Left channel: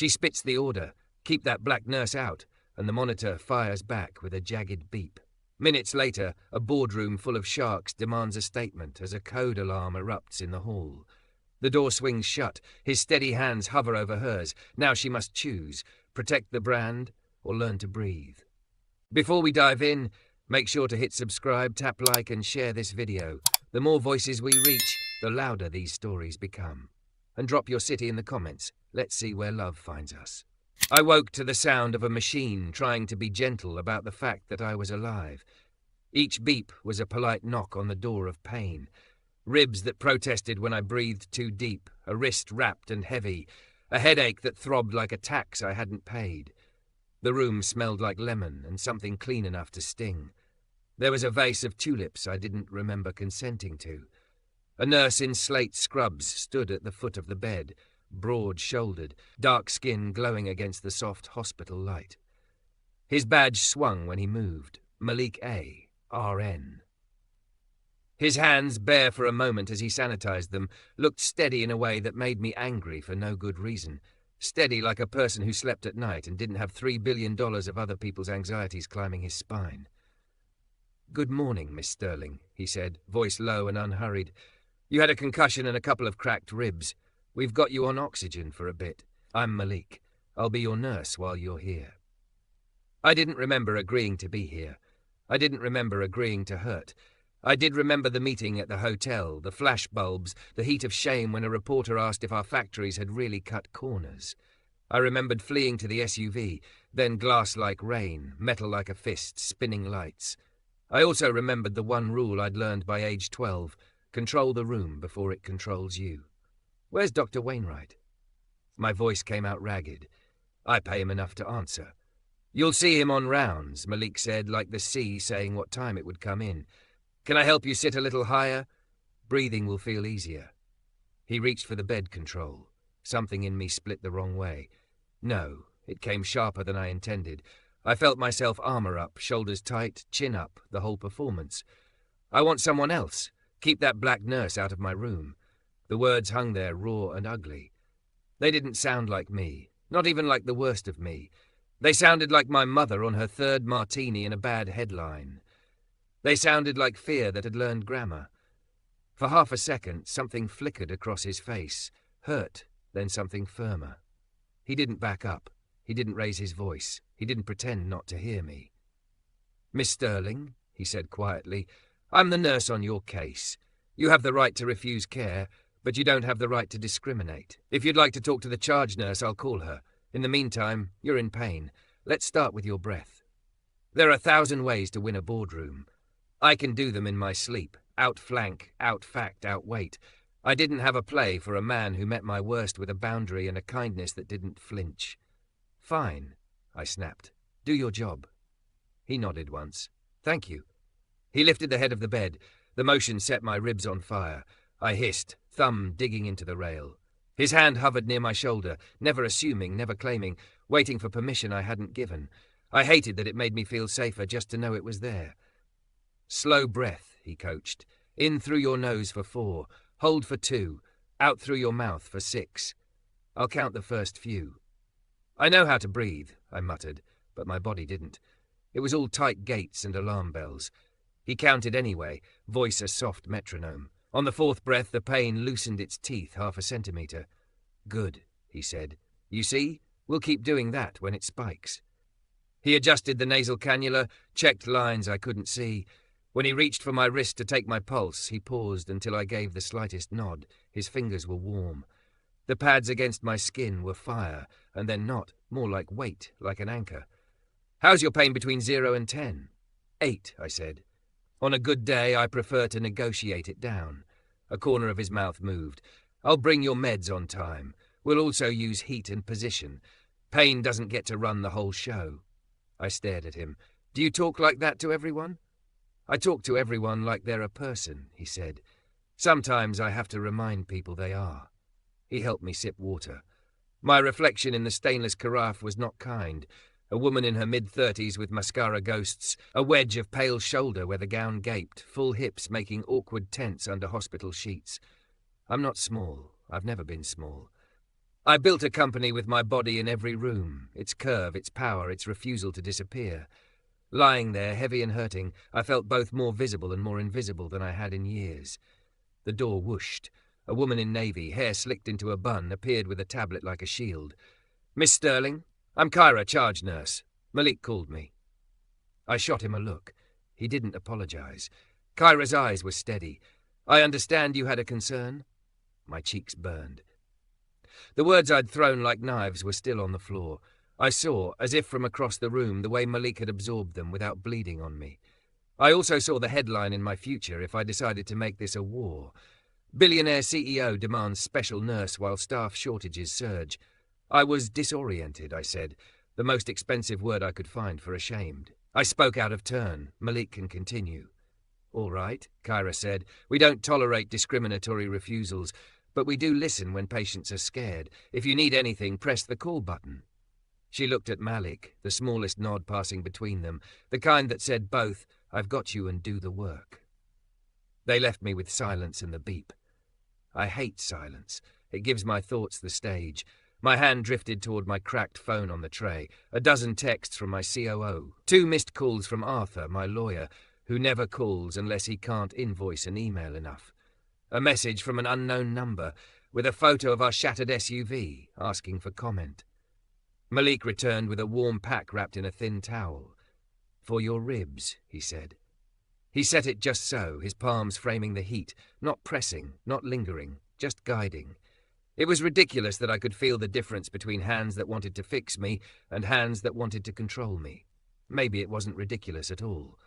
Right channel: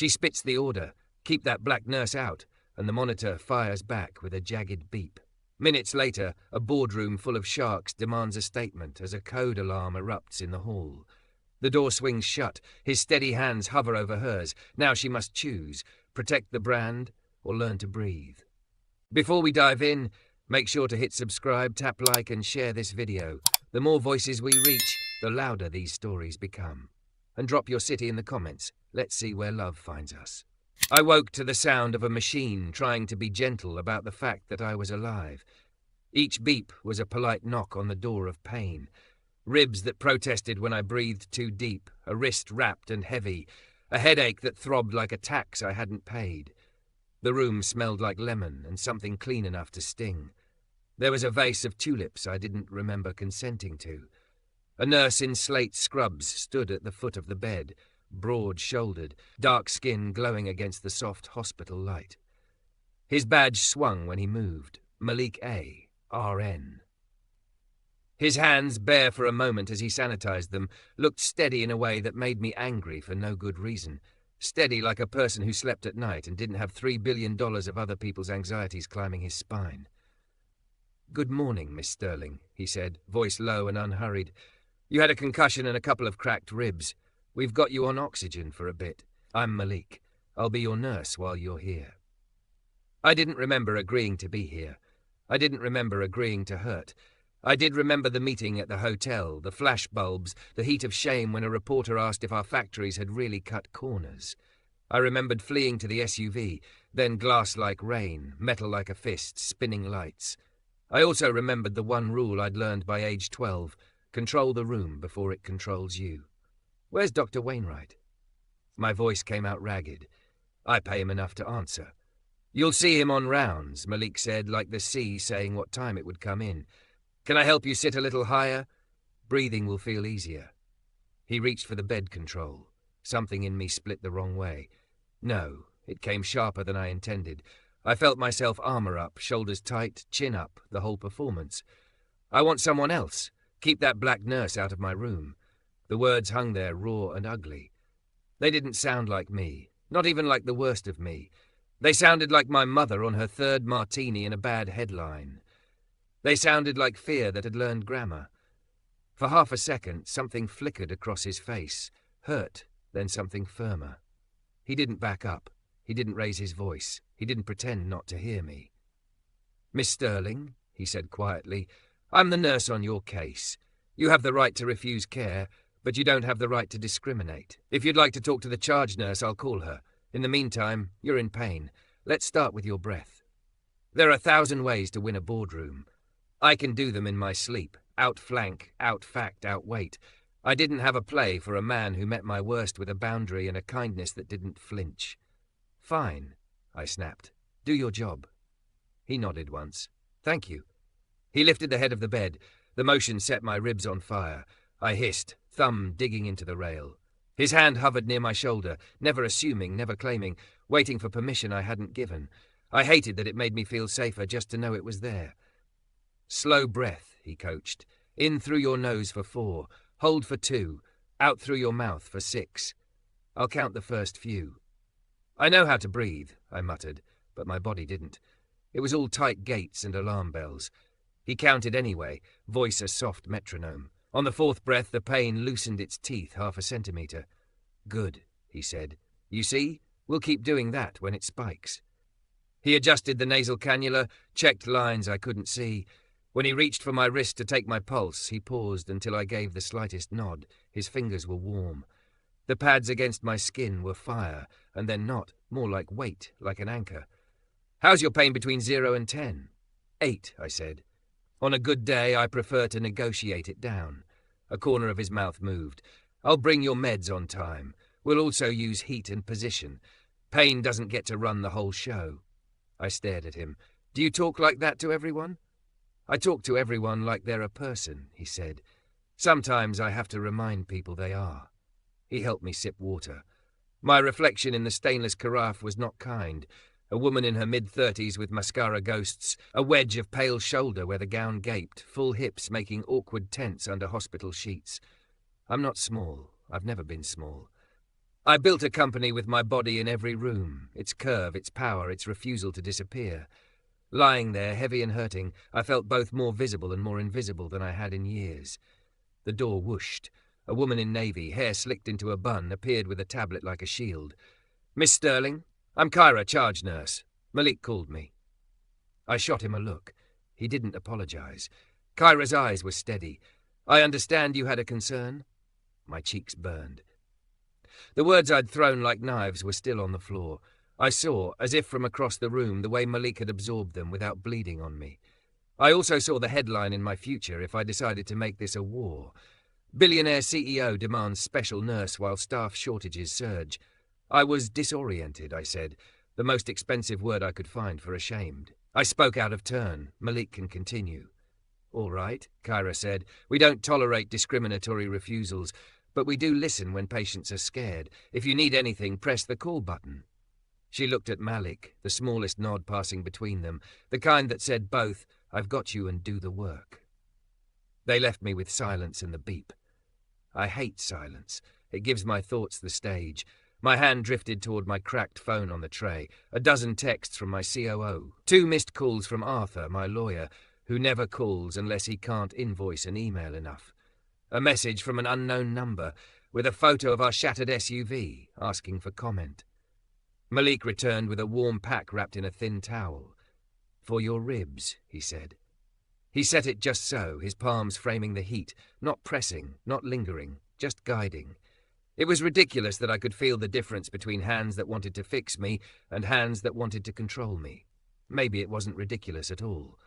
She spits the order, "Keep that black nurse out," and the monitor fires back with a jagged beep. Minutes later, a boardroom full of sharks demands a statement as a code alarm erupts in the hall. The door swings shut. His steady hands hover over hers. Now she must choose, protect the brand or learn to breathe. Before we dive in, make sure to hit subscribe, tap like and share this video. The more voices we reach, the louder these stories become. And drop your city in the comments. Let's see where love finds us. I woke to the sound of a machine trying to be gentle about the fact that I was alive. Each beep was a polite knock on the door of pain. Ribs that protested when I breathed too deep, a wrist wrapped and heavy, a headache that throbbed like a tax I hadn't paid. The room smelled like lemon and something clean enough to sting. There was a vase of tulips I didn't remember consenting to. A nurse in slate scrubs stood at the foot of the bed, broad-shouldered, dark skin glowing against the soft hospital light. His badge swung when he moved. Malik A, RN. His hands, bare for a moment as he sanitized them, looked steady in a way that made me angry for no good reason. Steady like a person who slept at night and didn't have $3 billion of other people's anxieties climbing his spine. "Good morning, Miss Sterling," he said, voice low and unhurried. "You had a concussion and a couple of cracked ribs. We've got you on oxygen for a bit. I'm Malik. I'll be your nurse while you're here." I didn't remember agreeing to be here. I didn't remember agreeing to hurt. I did remember the meeting at the hotel, the flash bulbs, the heat of shame when a reporter asked if our factories had really cut corners. I remembered fleeing to the SUV, then glass like rain, metal like a fist, spinning lights. I also remembered the one rule I'd learned by age 12, control the room before it controls you. "Where's Dr. Wainwright?" My voice came out ragged. I pay him enough to answer. "You'll see him on rounds," Malik said, like the sea saying what time it would come in. "Can I help you sit a little higher? Breathing will feel easier." He reached for the bed control. Something in me split the wrong way. No, it came sharper than I intended. I felt myself armor up, shoulders tight, chin up, the whole performance. "I want someone else. Keep that black nurse out of my room." The words hung there raw and ugly. They didn't sound like me, not even like the worst of me. They sounded like my mother on her third martini in a bad headline. They sounded like fear that had learned grammar. For half a second, something flickered across his face. Hurt, then something firmer. He didn't back up. He didn't raise his voice. He didn't pretend not to hear me. "Miss Sterling," he said quietly, "I'm the nurse on your case. You have the right to refuse care, but you don't have the right to discriminate. If you'd like to talk to the charge nurse, I'll call her. In the meantime, you're in pain. Let's start with your breath. There are 1,000 ways to win a boardroom. I can do them in my sleep. Outflank, outfact, outweight. I didn't have a play for a man who met my worst with a boundary and a kindness that didn't flinch." "Fine," I snapped. "Do your job." He nodded once. "Thank you." He lifted the head of the bed. The motion set my ribs on fire. I hissed, thumb digging into the rail. His hand hovered near my shoulder, never assuming, never claiming, waiting for permission I hadn't given. I hated that it made me feel safer just to know it was there. "Slow breath," he coached. "In through your nose for 4. Hold for 2. Out through your mouth for 6. I'll count the first few." "I know how to breathe," I muttered, but my body didn't. It was all tight gates and alarm bells. He counted anyway, voice a soft metronome. On the 4th breath, the pain loosened its teeth half a centimetre. "Good," he said. "You see? We'll keep doing that when it spikes." He adjusted the nasal cannula, checked lines I couldn't see. When he reached for my wrist to take my pulse, he paused until I gave the slightest nod. His fingers were warm. The pads against my skin were fire, and then not, more like weight, like an anchor. "How's your pain between 0 and 10? 8, I said. On a good day, I prefer to negotiate it down. A corner of his mouth moved. "I'll bring your meds on time. We'll also use heat and position. Pain doesn't get to run the whole show." I stared at him. "Do you talk like that to everyone?" "I talk to everyone like they're a person," he said. "Sometimes I have to remind people they are." He helped me sip water. My reflection in the stainless carafe was not kind. A woman in her mid-30s with mascara ghosts, a wedge of pale shoulder where the gown gaped, full hips making awkward tents under hospital sheets. I'm not small. I've never been small. I built a company with my body in every room, its curve, its power, its refusal to disappear. Lying there, heavy and hurting, I felt both more visible and more invisible than I had in years. The door whooshed. A woman in navy, hair slicked into a bun, appeared with a tablet like a shield. "Miss Sterling? I'm Kyra, charge nurse. Malik called me." I shot him a look. He didn't apologize. Kyra's eyes were steady. "I understand you had a concern?" My cheeks burned. The words I'd thrown like knives were still on the floor. I saw, as if from across the room, the way Malik had absorbed them without bleeding on me. I also saw the headline in my future if I decided to make this a war. Billionaire CEO demands special nurse while staff shortages surge. I was disoriented, I said, the most expensive word I could find for ashamed. I spoke out of turn. Malik can continue. "All right," Kyra said. "We don't tolerate discriminatory refusals, but we do listen when patients are scared. If you need anything, press the call button." She looked at Malik, the smallest nod passing between them, the kind that said both, "I've got you and do the work." They left me with silence and the beep. I hate silence. It gives my thoughts the stage. My hand drifted toward my cracked phone on the tray. A dozen texts from my COO. 2 missed calls from Arthur, my lawyer, who never calls unless he can't invoice an email enough. A message from an unknown number with a photo of our shattered SUV, asking for comment. Malik returned with a warm pack wrapped in a thin towel. "For your ribs," he said. He set it just so, his palms framing the heat, not pressing, not lingering, just guiding. It was ridiculous that I could feel the difference between hands that wanted to fix me and hands that wanted to control me. Maybe it wasn't ridiculous at all.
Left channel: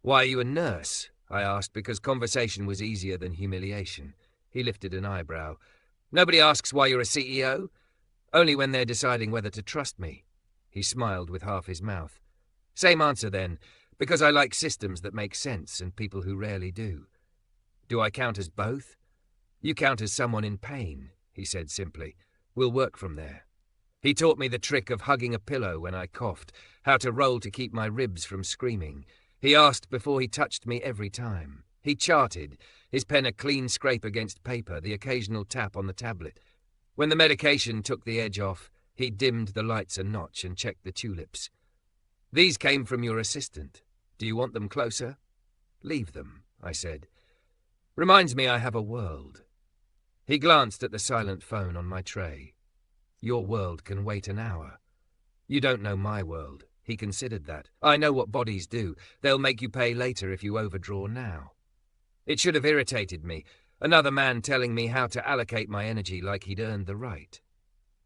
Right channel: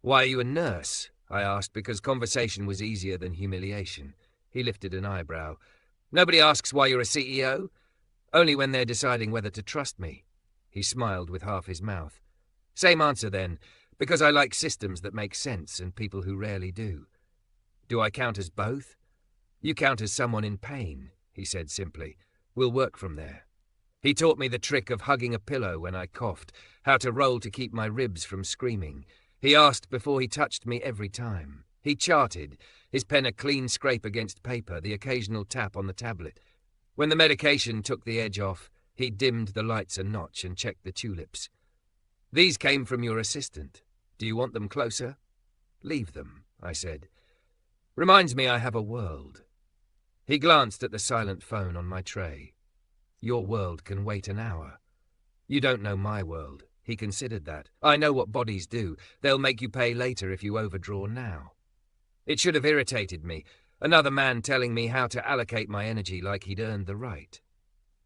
"Why are you a nurse?" I asked, because conversation was easier than humiliation. He lifted an eyebrow. "Nobody asks why you're a CEO? Only when they're deciding whether to trust me." He smiled with half his mouth. "Same answer then, because I like systems that make sense and people who rarely do." "Do I count as both?" "You count as someone in pain," he said simply. "We'll work from there." He taught me the trick of hugging a pillow when I coughed, how to roll to keep my ribs from screaming. He asked before he touched me every time. He charted, his pen a clean scrape against paper, the occasional tap on the tablet. When the medication took the edge off, he dimmed the lights a notch and checked the tulips. "These came from your assistant. Do you want them closer?" "Leave them," I said. "Reminds me I have a world." He glanced at the silent phone on my tray. "Your world can wait an hour." "You don't know my world." He considered that. "I know what bodies do. They'll make you pay later if you overdraw now." It should have irritated me. Another man telling me how to allocate my energy like he'd earned the right.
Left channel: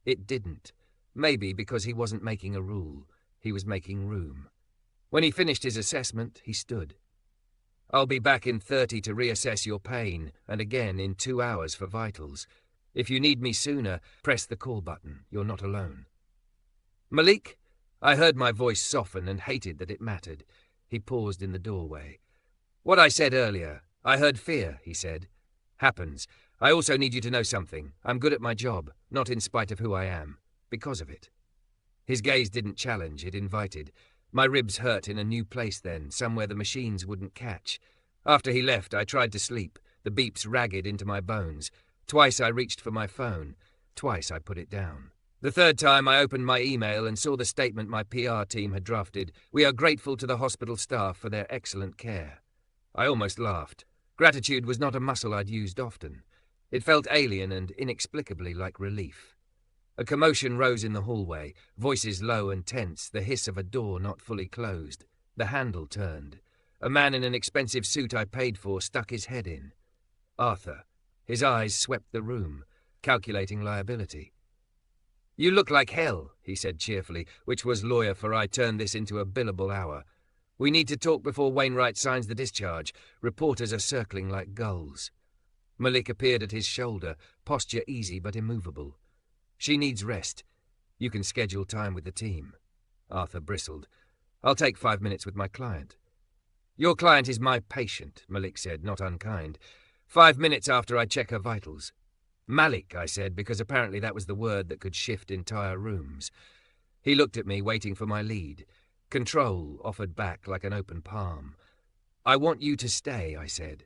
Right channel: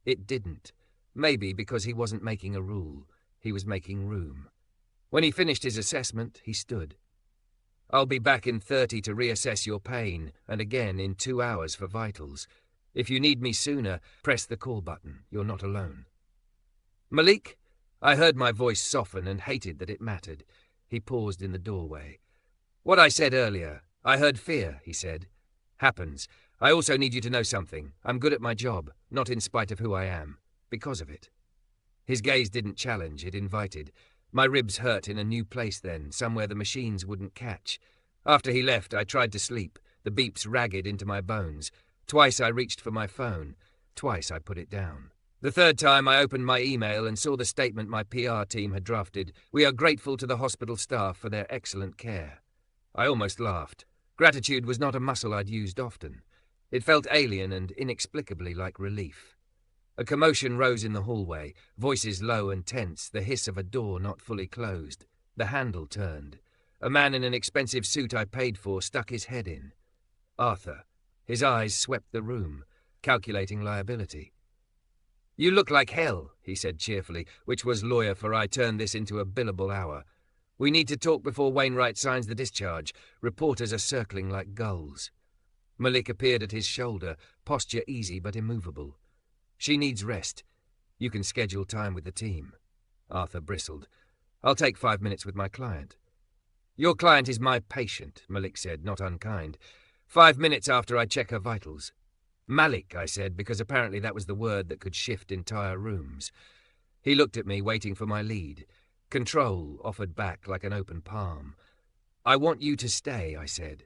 It didn't. Maybe because he wasn't making a rule. He was making room. When he finished his assessment, he stood. "I'll be back in 30 to reassess your pain, and again in 2 hours for vitals. If you need me sooner, press the call button. You're not alone." "Malik?" I heard my voice soften and hated that it mattered. He paused in the doorway. "What I said earlier. I heard fear," he said. "Happens. I also need you to know something. I'm good at my job, not in spite of who I am. Because of it." His gaze didn't challenge, it invited. My ribs hurt in a new place then, somewhere the machines wouldn't catch. After he left, I tried to sleep, the beeps ragged into my bones. Twice I reached for my phone. Twice I put it down. The third time I opened my email and saw the statement my PR team had drafted. "We are grateful to the hospital staff for their excellent care." I almost laughed. Gratitude was not a muscle I'd used often. It felt alien and inexplicably like relief. A commotion rose in the hallway, voices low and tense, the hiss of a door not fully closed. The handle turned. A man in an expensive suit I paid for stuck his head in. Arthur. His eyes swept the room, calculating liability. "You look like hell," he said cheerfully, which was lawyer for I turned this into a billable hour. "We need to talk before Wainwright signs the discharge. Reporters are circling like gulls." Malik appeared at his shoulder, posture easy but immovable. "She needs rest. You can schedule time with the team." Arthur bristled. "I'll take 5 minutes with my client." "Your client is my patient," Malik said, not unkind. 5 minutes after I check her vitals." "Malik," I said, because apparently that was the word that could shift entire rooms. He looked at me, waiting for my lead. Control offered back like an open palm. "I want you to stay," I said.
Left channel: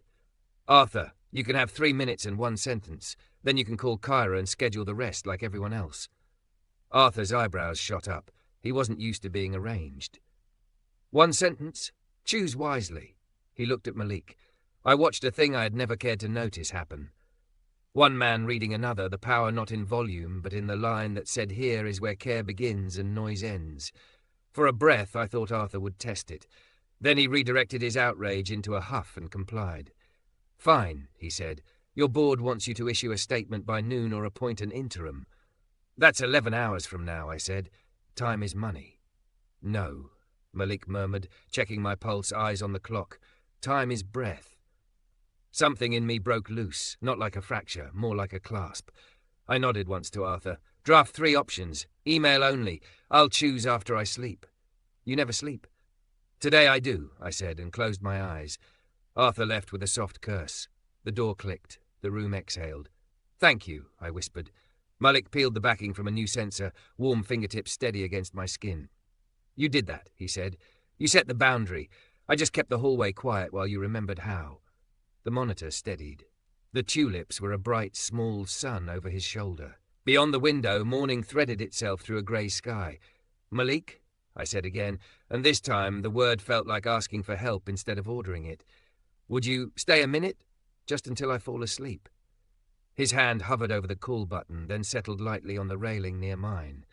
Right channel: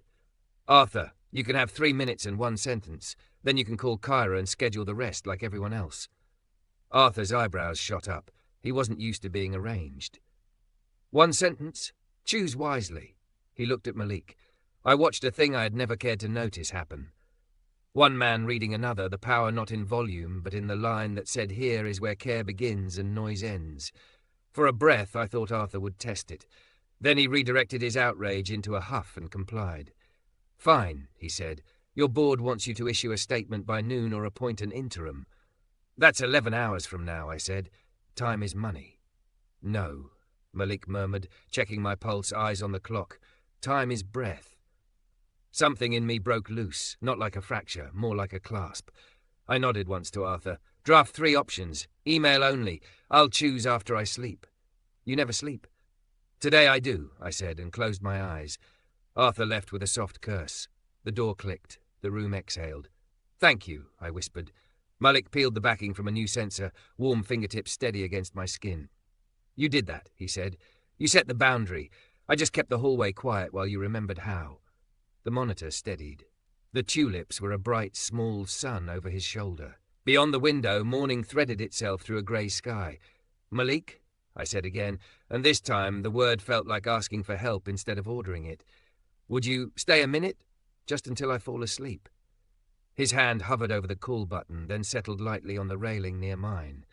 "Arthur, you can have 3 minutes and 1 sentence. Then you can call Kyra and schedule the rest like everyone else." Arthur's eyebrows shot up. He wasn't used to being arranged. "One sentence? Choose wisely." He looked at Malik. I watched a thing I had never cared to notice happen. One man reading another, the power not in volume, but in the line that said, "Here is where care begins and noise ends." For a breath, I thought Arthur would test it. Then he redirected his outrage into a huff and complied. "Fine," he said. "Your board wants you to issue a statement by noon or appoint an interim." "That's 11 hours from now," I said. "Time is money." "No," Malik murmured, checking my pulse, eyes on the clock. "Time is breath." Something in me broke loose, not like a fracture, more like a clasp. I nodded once to Arthur. "Draft 3 options. Email only. I'll choose after I sleep." "You never sleep." "Today I do," I said, and closed my eyes. Arthur left with a soft curse. The door clicked. The room exhaled. "Thank you," I whispered. Malik peeled the backing from a new sensor, warm fingertips steady against my skin. "You did that," he said. "You set the boundary. I just kept the hallway quiet while you remembered how." The monitor steadied. The tulips were a bright, small sun over his shoulder. Beyond the window, morning threaded itself through a grey sky. "Malik," I said again, and this time the word felt like asking for help instead of ordering it. "Would you stay a minute? Just until I fall asleep." His hand hovered over the call button, then settled lightly on the railing near mine.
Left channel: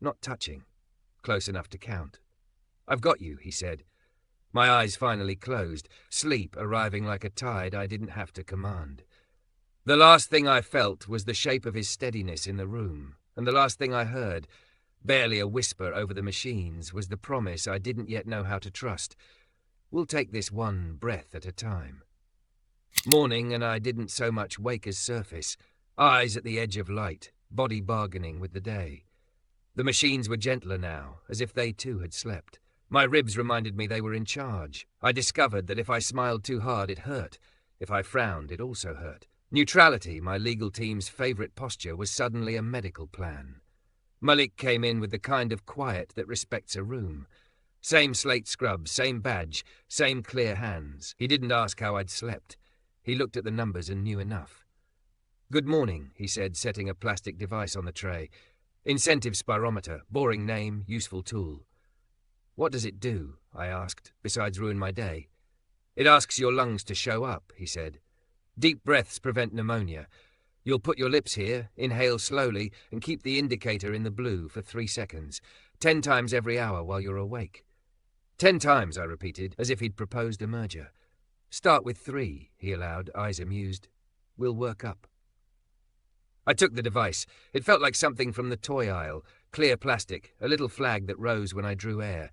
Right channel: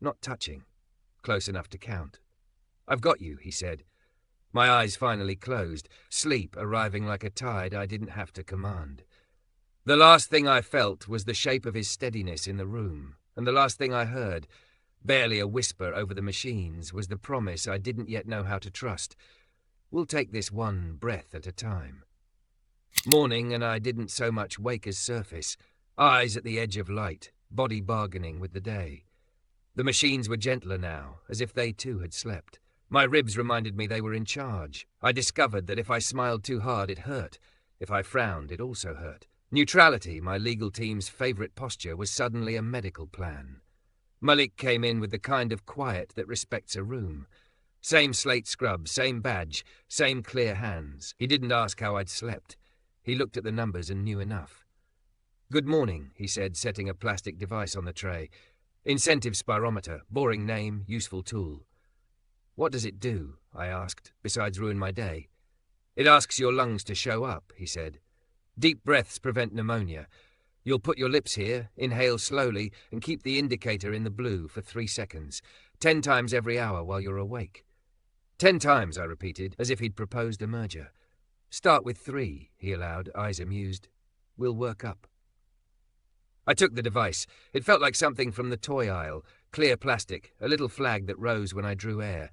Not touching. Close enough to count. "I've got you," he said. My eyes finally closed, sleep arriving like a tide I didn't have to command. The last thing I felt was the shape of his steadiness in the room, and the last thing I heard, barely a whisper over the machines, was the promise I didn't yet know how to trust. "We'll take this one breath at a time." Morning, and I didn't so much wake as surface, eyes at the edge of light, body bargaining with the day. The machines were gentler now, as if they too had slept. My ribs reminded me they were in charge. I discovered that if I smiled too hard, it hurt. If I frowned, it also hurt. Neutrality, my legal team's favourite posture, was suddenly a medical plan. Malik came in with the kind of quiet that respects a room. Same slate scrub, same badge, same clear hands. He didn't ask how I'd slept. He looked at the numbers and knew enough. "Good morning," he said, setting a plastic device on the tray. "Incentive spirometer, boring name, useful tool." "What does it do?" I asked, "besides ruin my day?" "It asks your lungs to show up," he said. "Deep breaths prevent pneumonia. You'll put your lips here, inhale slowly, and keep the indicator in the blue for 3 seconds, 10 times every hour while you're awake." 10 times, I repeated, as if he'd proposed a merger. "Start with 3, he allowed, eyes amused. "We'll work up." I took the device. It felt like something from the toy aisle. Clear plastic, a little flag that rose when I drew air.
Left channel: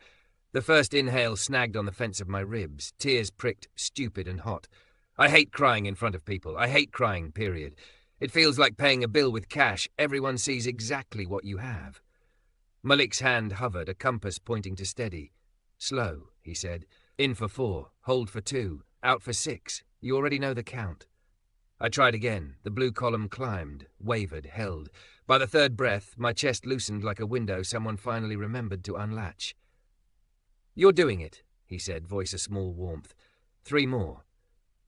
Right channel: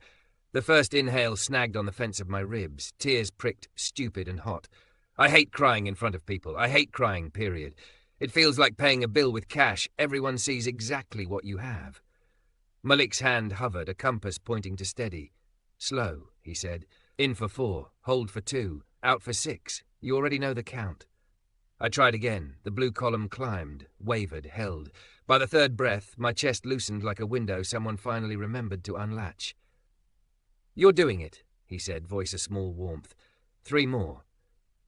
The first inhale snagged on the fence of my ribs. Tears pricked, stupid and hot. I hate crying in front of people. I hate crying, period. It feels like paying a bill with cash. Everyone sees exactly what you have. Malik's hand hovered, a compass pointing to steady. "Slow," he said. "In for 4, hold for 2, out for 6. You already know the count." I tried again. The blue column climbed, wavered, held. By the 3rd breath, my chest loosened like a window someone finally remembered to unlatch. "You're doing it," he said, voice a small warmth. 3 more.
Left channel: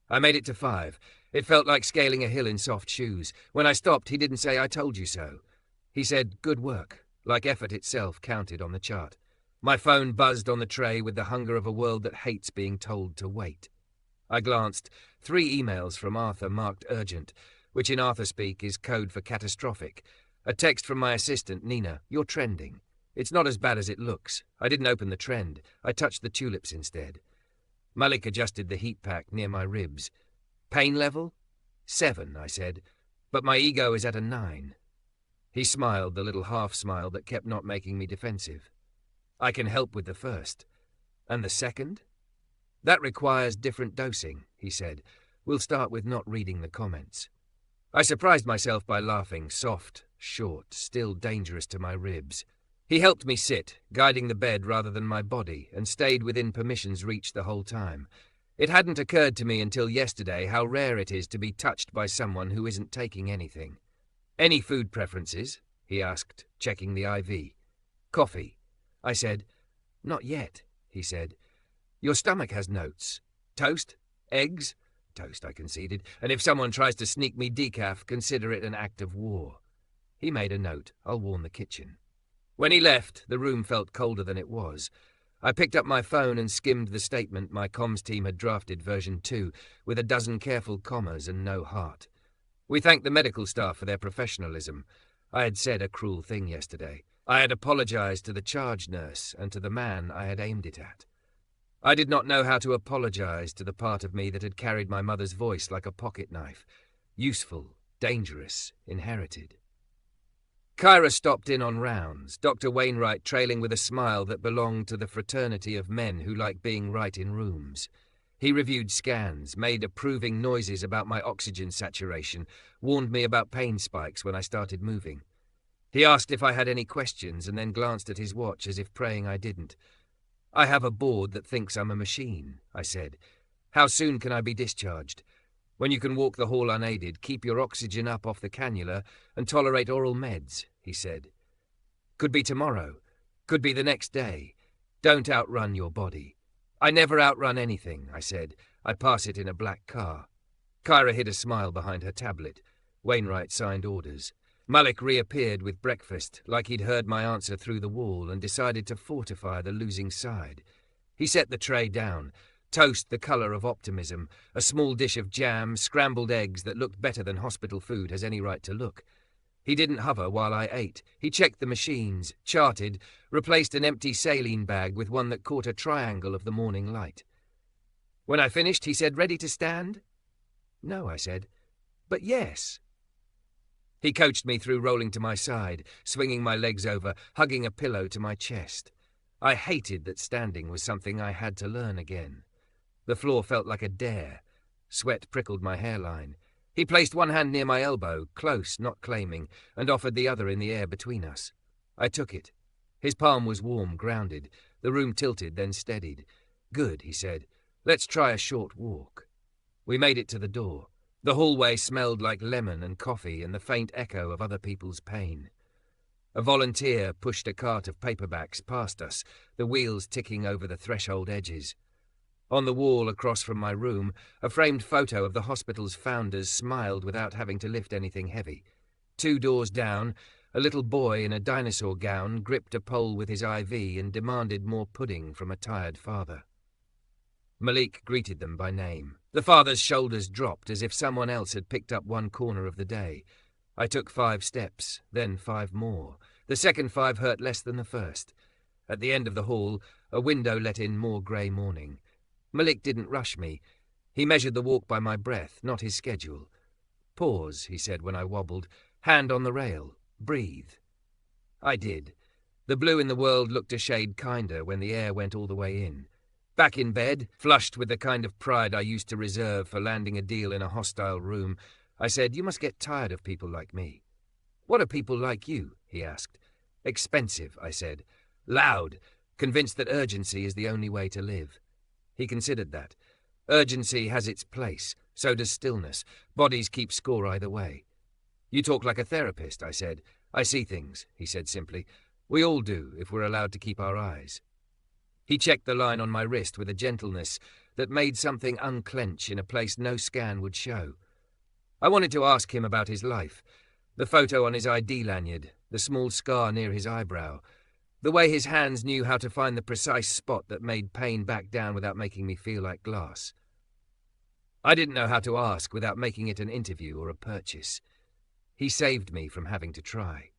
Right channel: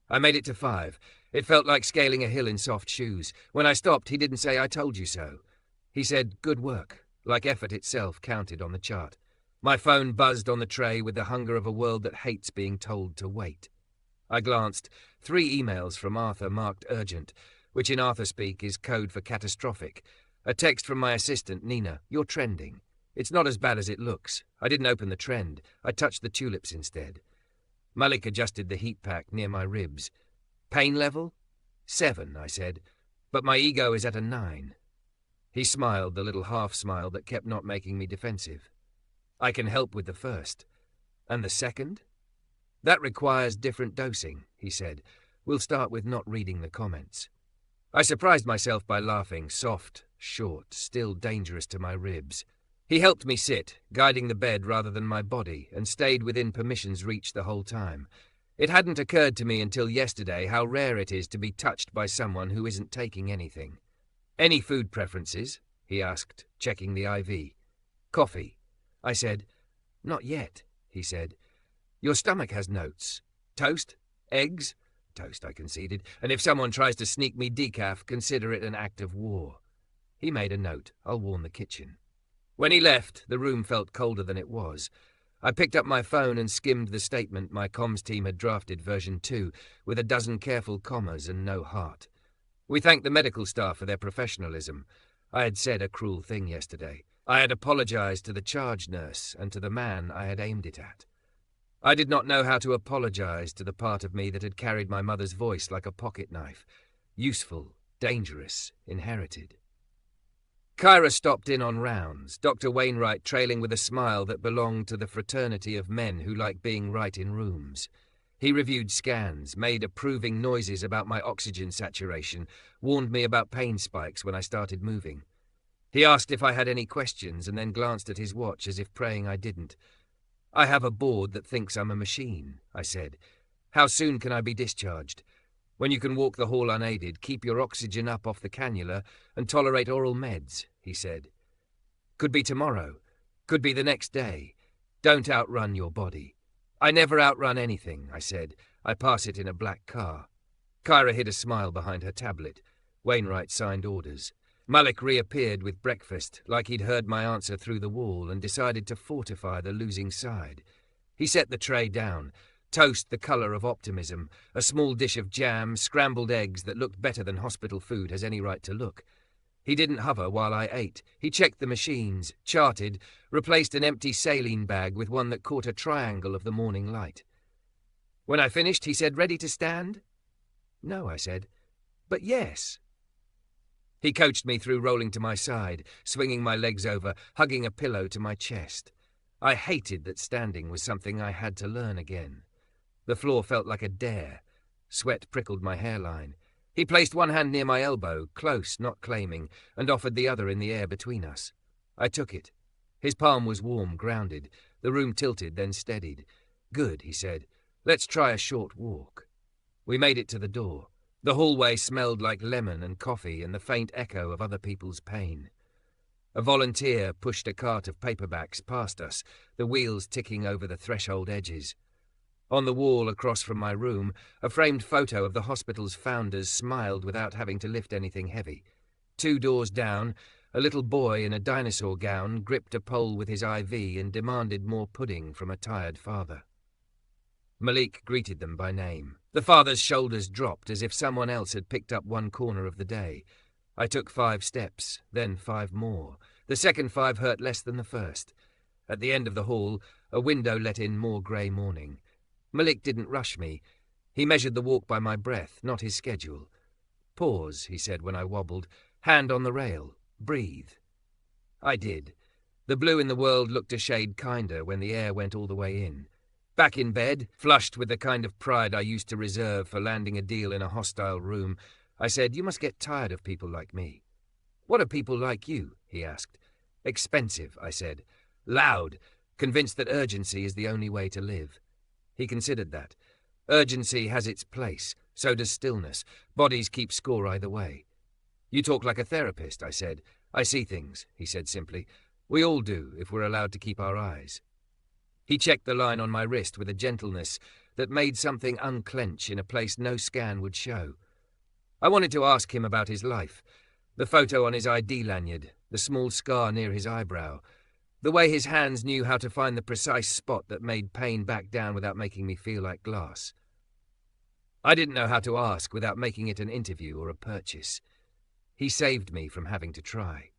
I made it to 5. It felt like scaling a hill in soft shoes. When I stopped, he didn't say, "I told you so." He said, "Good work," like effort itself counted on the chart. My phone buzzed on the tray with the hunger of a world that hates being told to wait. I glanced. 3 emails from Arthur marked urgent, which in Arthur speak is code for catastrophic. A text from my assistant, Nina. "You're trending. It's not as bad as it looks." I didn't open the trend. I touched the tulips instead. Malik adjusted the heat pack near my ribs. "Pain level?" 7, I said. "But my ego is at a 9. He smiled, the little half-smile that kept not making me defensive. "I can help with the first." "And the second?" "That requires different dosing," he said. "We'll start with not reading the comments." I surprised myself by laughing, soft, short, still dangerous to my ribs. He helped me sit, guiding the bed rather than my body, and stayed within permission's reach the whole time. It hadn't occurred to me until yesterday how rare it is to be touched by someone who isn't taking anything. "Any food preferences?" he asked, checking the IV. "Coffee." I said. "Not yet," he said. "Your stomach has notes. Toast? Eggs? Toast, I conceded. And if someone tries to sneak me decaf, consider it an act of war. He made a note. I'll warn the kitchen. When he left, the room felt colder than it was. I picked up my phone and skimmed the statement my comms team had drafted version 2, with a dozen careful commas and no heart. We thanked the medical staff for their professionalism. I had said a cruel thing yesterday. I had apologized to the charge nurse and to the man I had aimed it at. I did not know how to apologize to the part of me that had carried my mother's voice like a pocket knife. Useful, dangerous, inherited. Kyra stopped in on rounds, Dr. Wainwright trailing with a smile that belonged to the fraternity of men who like being right in rooms. He reviewed scans, made approving noises about my oxygen saturation, warned me about pain spikes when I started moving. He asked if I had any questions and then glanced at his watch as if praying I didn't. I have a board that thinks I'm a machine, I said. How soon can I be discharged? When you can walk the hall unaided, keep your oxygen up off the cannula and tolerate oral meds, he said. Could be tomorrow. Could be the next day. Don't outrun your body. I never outrun anything, I said. I pass it in a black car. Kyra hid a smile behind her tablet. Wainwright signed orders. Malik reappeared with breakfast, like he'd heard my answer through the wall and decided to fortify the losing side. He set the tray down. Toast the colour of optimism, a small dish of jam, scrambled eggs that looked better than hospital food has any right to look. He didn't hover while I ate. He checked the machines, charted, replaced an empty saline bag with one that caught a triangle of the morning light. When I finished, he said, "Ready to stand?" "No," I said. "But yes." He coached me through rolling to my side, swinging my legs over, hugging a pillow to my chest. I hated that standing was something I had to learn again. The floor felt like a dare. Sweat prickled my hairline. He placed one hand near my elbow, close, not claiming, and offered the other in the air between us. I took it. His palm was warm, grounded. The room tilted, then steadied. "Good," he said. "Let's try a short walk." We made it to the door. The hallway smelled like lemon and coffee and the faint echo of other people's pain. A volunteer pushed a cart of paperbacks past us, the wheels ticking over the threshold edges. On the wall across from my room, a framed photo of the hospital's founders smiled without having to lift anything heavy. 2 doors down, a little boy in a dinosaur gown gripped a pole with his IV and demanded more pudding from a tired father. Malik greeted them by name. The father's shoulders dropped as if someone else had picked up one corner of the day. I took 5 steps, then 5 more. The second 5 hurt less than the first. At the end of the hall, a window let in more grey morning. Malik didn't rush me. He measured the walk by my breath, not his schedule. "Pause," he said when I wobbled. "Hand on the rail. Breathe." I did. The blue in the world looked a shade kinder when the air went all the way in. Back in bed, flushed with the kind of pride I used to reserve for landing a deal in a hostile room, I said, "You must get tired of people like me." "What are people like you?" he asked. "Expensive," I said. "Loud, convinced that urgency is the only way to live." He considered that. Urgency has its place, so does stillness. Bodies keep score either way. "You talk like a therapist," I said. "I see things," he said simply. "We all do, if we're allowed to keep our eyes." He checked the line on my wrist with a gentleness that made something unclench in a place no scan would show. I wanted to ask him about his life, the photo on his ID lanyard, the small scar near his eyebrow, the way his hands knew how to find the precise spot that made pain back down without making me feel like glass. I didn't know how to ask without making it an interview or a purchase. He saved me from having to try.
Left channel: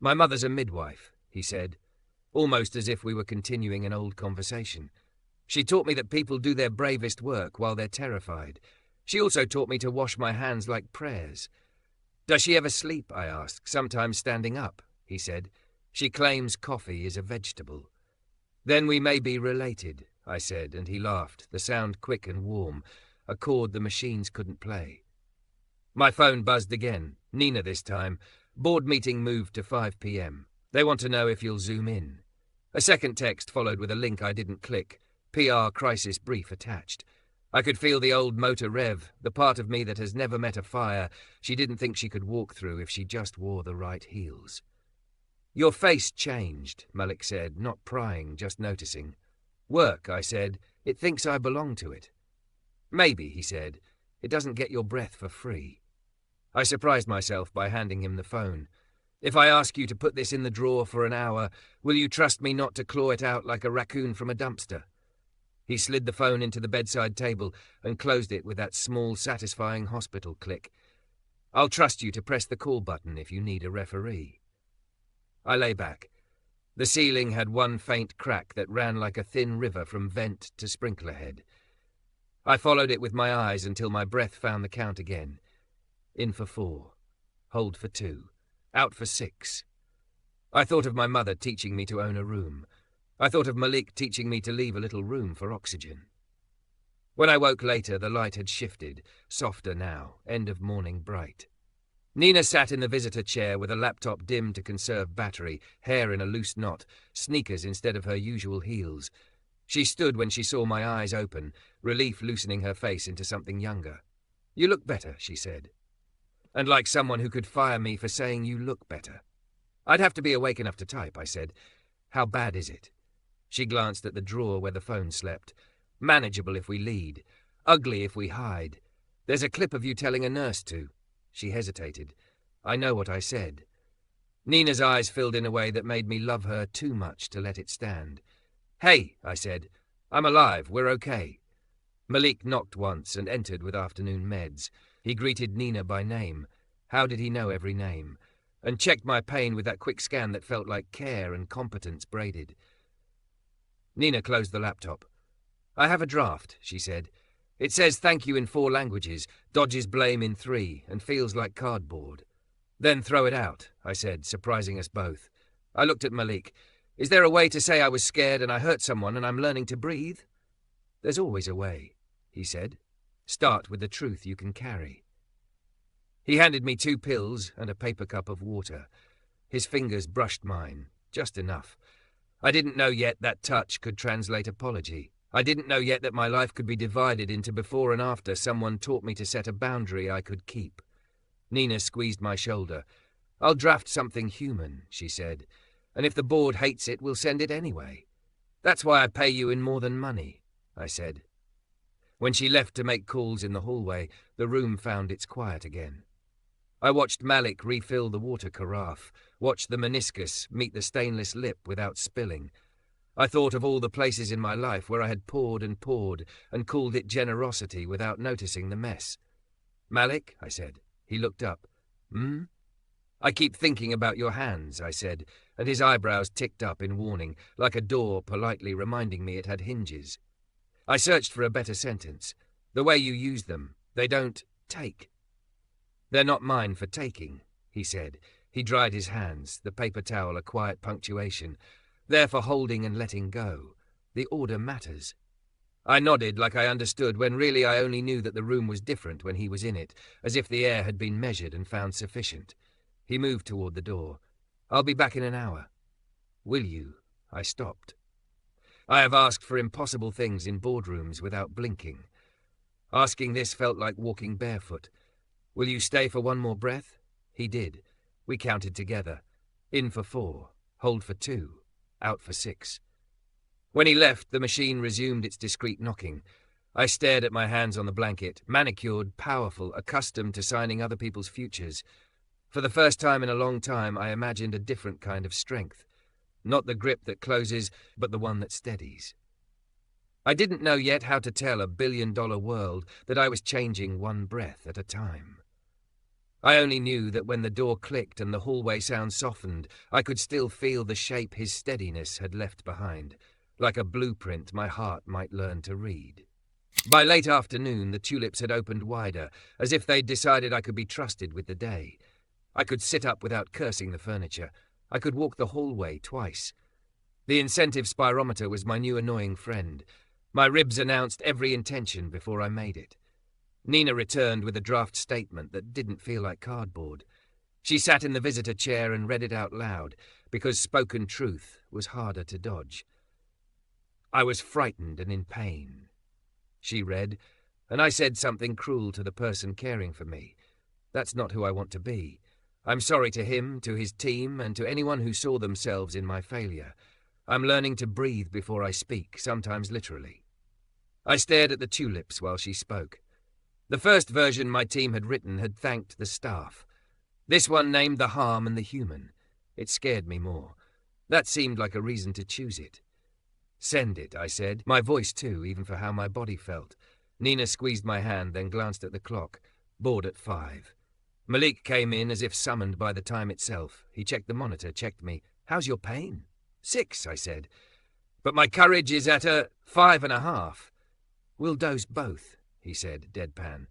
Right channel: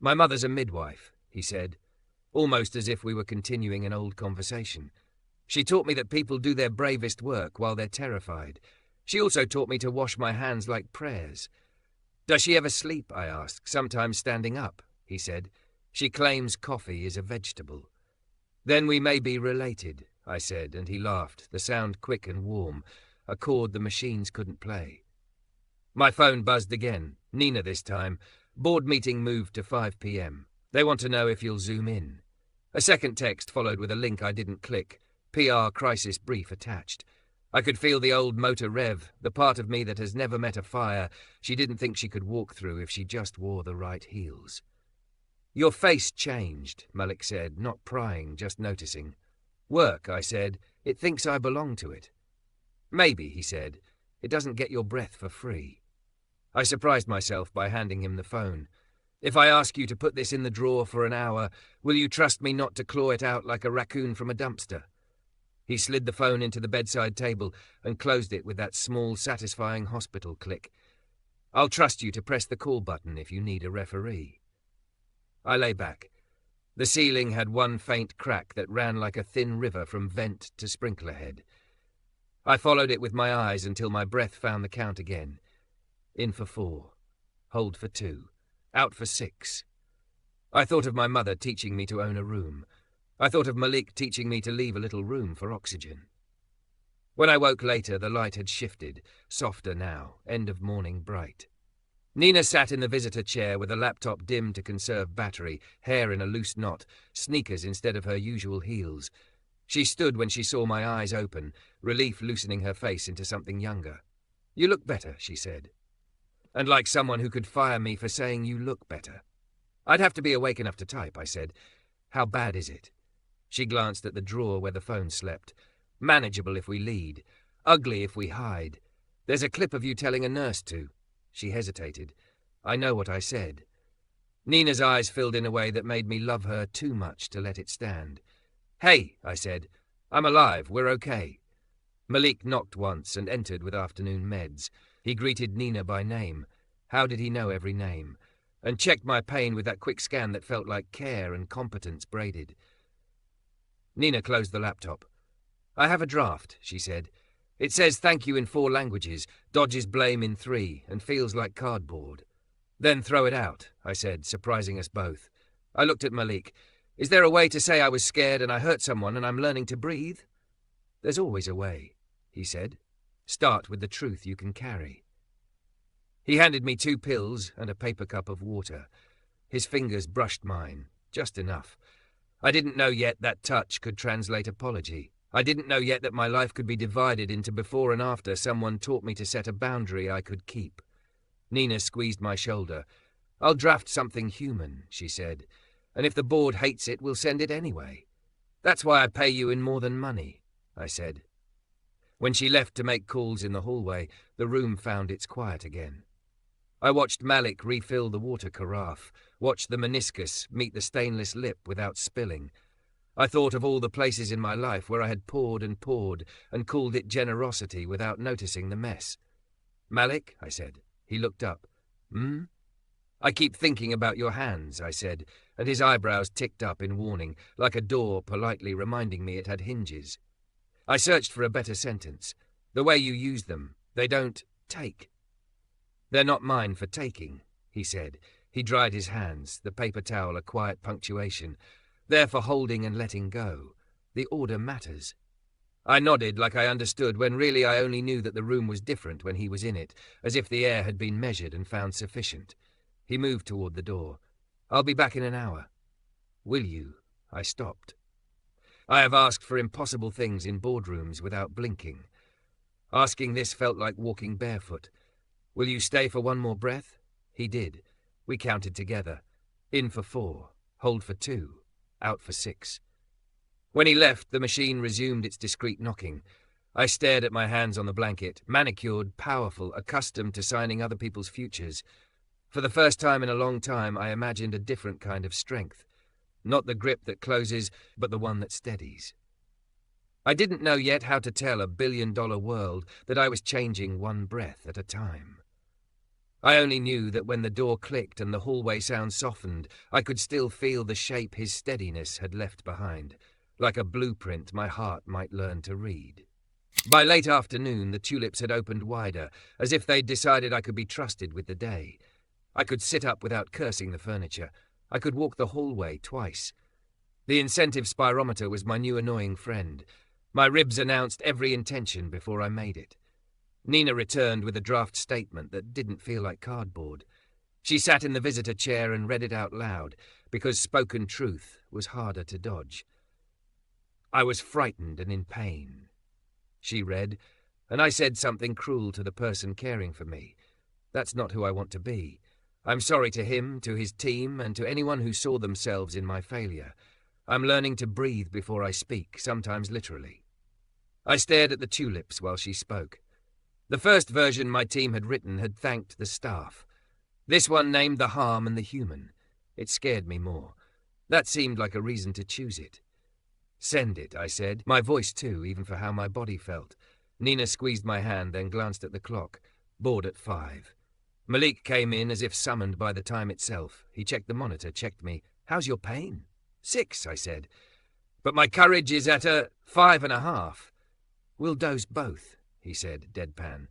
"My mother's a midwife," he said, almost as if we were continuing an old conversation. "She taught me that people do their bravest work while they're terrified. She also taught me to wash my hands like prayers." "Does she ever sleep?" I asked. "Sometimes standing up," he said. "She claims coffee is a vegetable." "Then we may be related," I said, and he laughed, the sound quick and warm, a chord the machines couldn't play. My phone buzzed again. Nina this time. Board meeting moved to 5 p.m. They want to know if you'll zoom in. A second text followed with a link I didn't click. PR crisis brief attached. I could feel the old motor rev, the part of me that has never met a fire she didn't think she could walk through if she just wore the right heels. "Your face changed," Malik said, not prying, just noticing. "Work," I said. "It thinks I belong to it." "Maybe," he said. It doesn't get your breath for free. I surprised myself by handing him the phone. If I ask you to put this in the drawer for an hour, will you trust me not to claw it out like a raccoon from a dumpster? He slid the phone into the bedside table and closed it with that small, satisfying hospital click. I'll trust you to press the call button if you need a referee. I lay back. The ceiling had one faint crack that ran like a thin river from vent to sprinkler head. I followed it with my eyes until my breath found the count again. In for 4. Hold for 2. Out for 6. I thought of my mother teaching me to own a room. I thought of Malik teaching me to leave a little room for oxygen. When I woke later, the light had shifted, softer now, end of morning bright. Nina sat in the visitor chair with a laptop dimmed to conserve battery, hair in a loose knot, sneakers instead of her usual heels. She stood when she saw my eyes open, relief loosening her face into something younger. "You look better," she said. And like someone who could fire me for saying you look better. "I'd have to be awake enough to type," I said. "How bad is it?" She glanced at the drawer where the phone slept. "Manageable if we lead. Ugly if we hide. There's a clip of you telling a nurse to." She hesitated. I know what I said. Nina's eyes filled in a way that made me love her too much to let it stand. "Hey," I said. "I'm alive. We're okay." Malik knocked once and entered with afternoon meds. He greeted Nina by name. How did he know every name? And checked my pain with that quick scan that felt like care and competence braided. Nina closed the laptop. "I have a draft," she said. "It says thank you in 4 languages, dodges blame in 3, and feels like cardboard." "Then throw it out," I said, surprising us both. I looked at Malik. "Is there a way to say I was scared and I hurt someone and I'm learning to breathe?" "There's always a way," he said. "Start with the truth you can carry." He handed me 2 pills and a paper cup of water. His fingers brushed mine, just enough. I didn't know yet that touch could translate apology. I didn't know yet that my life could be divided into before and after someone taught me to set a boundary I could keep. Nina squeezed my shoulder. "I'll draft something human," she said, "and if the board hates it, we'll send it anyway." "That's why I pay you in more than money," I said. When she left to make calls in the hallway, the room found its quiet again. I watched Malik refill the water carafe, watched the meniscus meet the stainless lip without spilling. I thought of all the places in my life where I had poured and called it generosity without noticing the mess. "Malik," I said. He looked up. "Hmm?" "I keep thinking about your hands," I said, and his eyebrows ticked up in warning, like a door politely reminding me it had hinges. I searched for a better sentence. "The way you use them, they don't take." "They're not mine for taking," he said. He dried his hands, the paper towel a quiet punctuation. "They're for holding and letting go. The order matters." I nodded like I understood, when really I only knew that the room was different when he was in it, as if the air had been measured and found sufficient. He moved toward the door. "I'll be back in an hour." "Will you?" I stopped. I have asked for impossible things in boardrooms without blinking. Asking this felt like walking barefoot. "Will you stay for one more breath?" He did. We counted together. In for 4, hold for 2, out for 6. When he left, the machine resumed its discreet knocking. I stared at my hands on the blanket, manicured, powerful, accustomed to signing other people's futures. For the first time in a long time, I imagined a different kind of strength. Not the grip that closes, but the one that steadies. I didn't know yet how to tell a billion-dollar world that I was changing one breath at a time. I only knew that when the door clicked and the hallway sound softened, I could still feel the shape his steadiness had left behind, like a blueprint my heart might learn to read. By late afternoon, the tulips had opened wider, as if they'd decided I could be trusted with the day. I could sit up without cursing the furniture. I could walk the hallway twice. The incentive spirometer was my new annoying friend. My ribs announced every intention before I made it. Nina returned with a draft statement that didn't feel like cardboard. She sat in the visitor chair and read it out loud, because spoken truth was harder to dodge. "I was frightened and in pain," she read, and I said something cruel to the person caring for me. That's not who I want to be. I'm sorry to him, to his team, and to anyone who saw themselves in my failure. I'm learning to breathe before I speak, sometimes literally. I stared at the tulips while she spoke. The first version my team had written had thanked the staff. This one named the harm and the human. It scared me more. That seemed like a reason to choose it. "Send it," I said, my voice too, even for how my body felt. Nina squeezed my hand, then glanced at the clock. Board at 5. Malik came in as if summoned by the time itself. He checked the monitor, checked me. "How's your pain?" 6, I said. "But my courage is at a 5.5. "We'll dose both," he said, deadpan.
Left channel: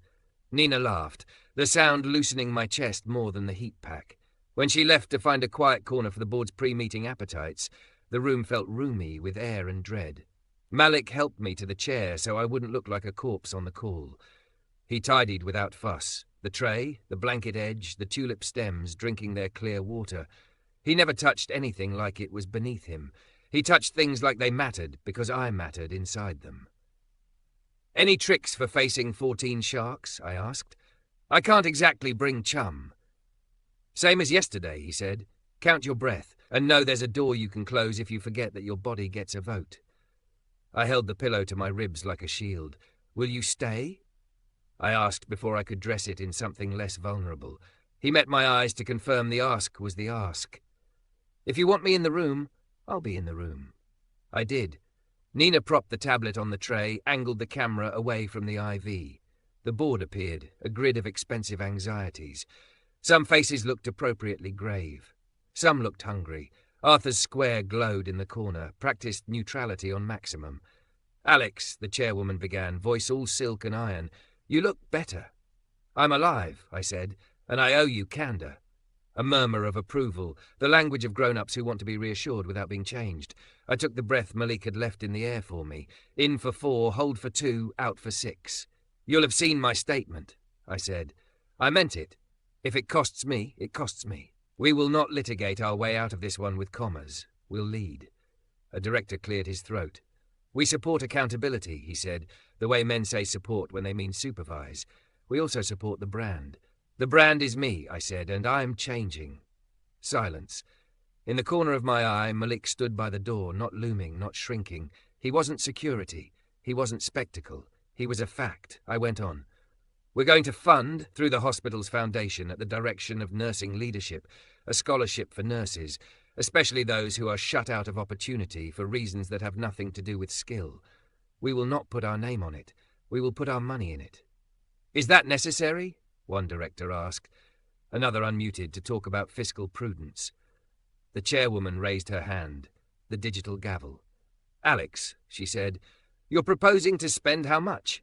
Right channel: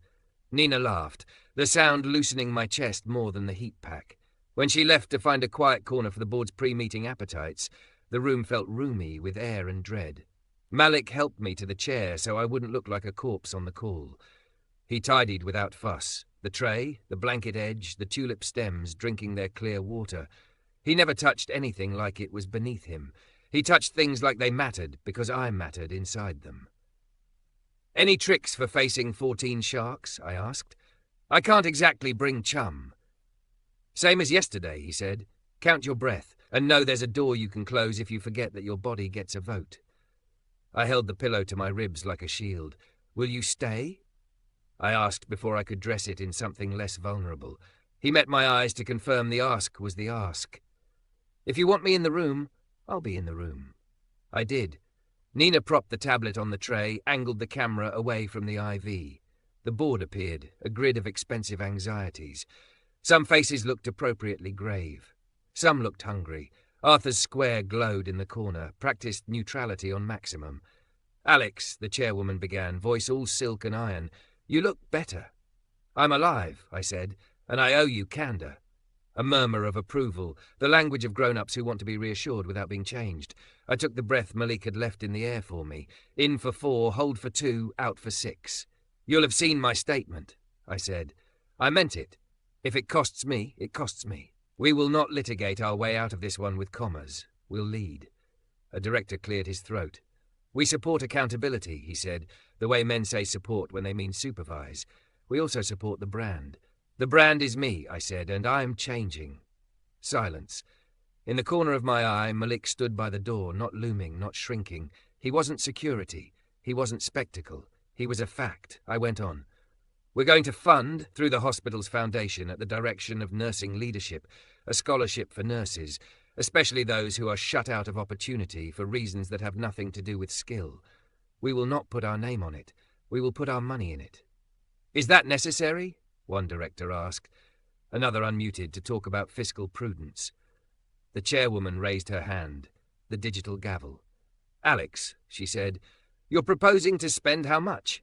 Nina laughed, the sound loosening my chest more than the heat pack. When she left to find a quiet corner for the board's pre-meeting appetites, the room felt roomy with air and dread. Malik helped me to the chair so I wouldn't look like a corpse on the call. He tidied without fuss. The tray, the blanket edge, the tulip stems drinking their clear water. He never touched anything like it was beneath him. He touched things like they mattered because I mattered inside them. "Any tricks for facing 14 sharks?" I asked. "I can't exactly bring chum." "Same as yesterday," he said. "Count your breath, and know there's a door you can close if you forget that your body gets a vote." I held the pillow to my ribs like a shield. "Will you stay?" I asked before I could dress it in something less vulnerable. He met my eyes to confirm the ask was the ask. "If you want me in the room, I'll be in the room." I did. Nina propped the tablet on the tray, angled the camera away from the IV. The board appeared, a grid of expensive anxieties. Some faces looked appropriately grave. Some looked hungry. Arthur's square glowed in the corner, practiced neutrality on maximum. "Alex," the chairwoman began, voice all silk and iron, "you look better." "I'm alive," I said, "and I owe you candor." A murmur of approval, the language of grown-ups who want to be reassured without being changed. I took the breath Malik had left in the air for me. In for 4, hold for 2, out for 6. "You'll have seen my statement," I said. "I meant it. If it costs me, it costs me. We will not litigate our way out of this one with commas. We'll lead." A director cleared his throat. "We support accountability," he said, the way men say support when they mean supervise. "We also support the brand. The brand is me," I said, "and I'm changing." Silence. In the corner of my eye, Malik stood by the door, not looming, not shrinking. He wasn't security. He wasn't spectacle. He was a fact. I went on. "We're going to fund, through the hospital's foundation, at the direction of nursing leadership, a scholarship for nurses, especially those who are shut out of opportunity for reasons that have nothing to do with skill. We will not put our name on it. We will put our money in it." "Is that necessary?" one director asked. Another unmuted to talk about fiscal prudence. The chairwoman raised her hand, the digital gavel. "Alex," she said, "you're proposing to spend how much?"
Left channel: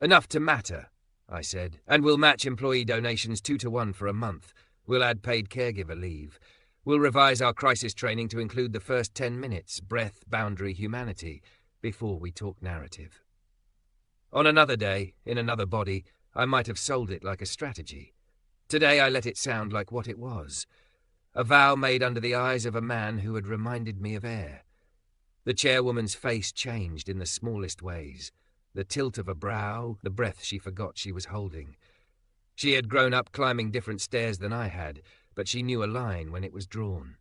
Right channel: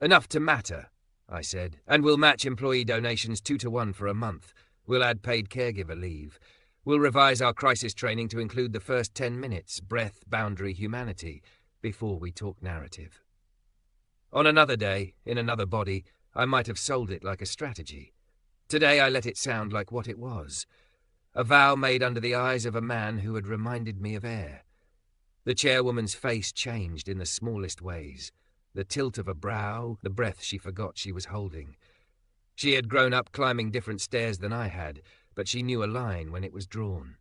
"Enough to matter," I said, "and we'll match employee donations 2-to-1 for a month. We'll add paid caregiver leave. We'll revise our crisis training to include the first 10 minutes, breath, boundary, humanity, before we talk narrative." On another day, in another body, I might have sold it like a strategy. Today I let it sound like what it was. A vow made under the eyes of a man who had reminded me of air. The chairwoman's face changed in the smallest ways. The tilt of a brow, the breath she forgot she was holding. She had grown up climbing different stairs than I had, but she knew a line when it was drawn.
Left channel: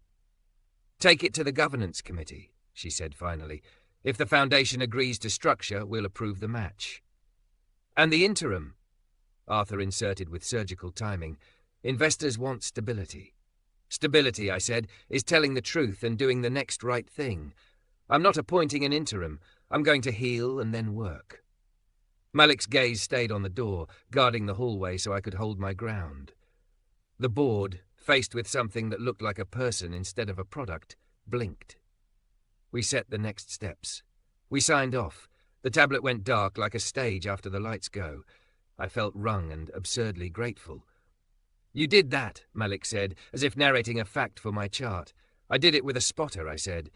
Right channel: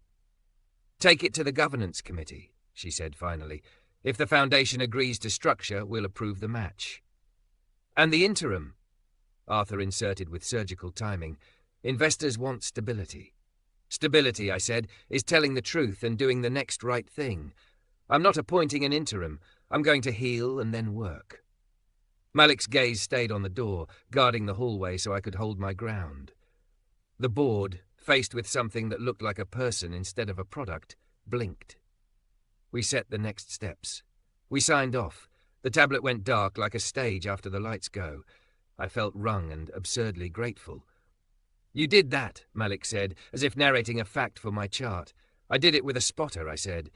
"Take it to the governance committee," she said finally. "If the foundation agrees to structure, we'll approve the match." "And the interim?" Arthur inserted with surgical timing. "Investors want stability." "Stability," I said, "is telling the truth and doing the next right thing. I'm not appointing an interim. I'm going to heal and then work." Malik's gaze stayed on the door, guarding the hallway so I could hold my ground. The board, faced with something that looked like a person instead of a product, blinked. We set the next steps. We signed off. The tablet went dark like a stage after the lights go. I felt wrung and absurdly grateful. "You did that," Malik said, as if narrating a fact for my chart. "I did it with a spotter," I said.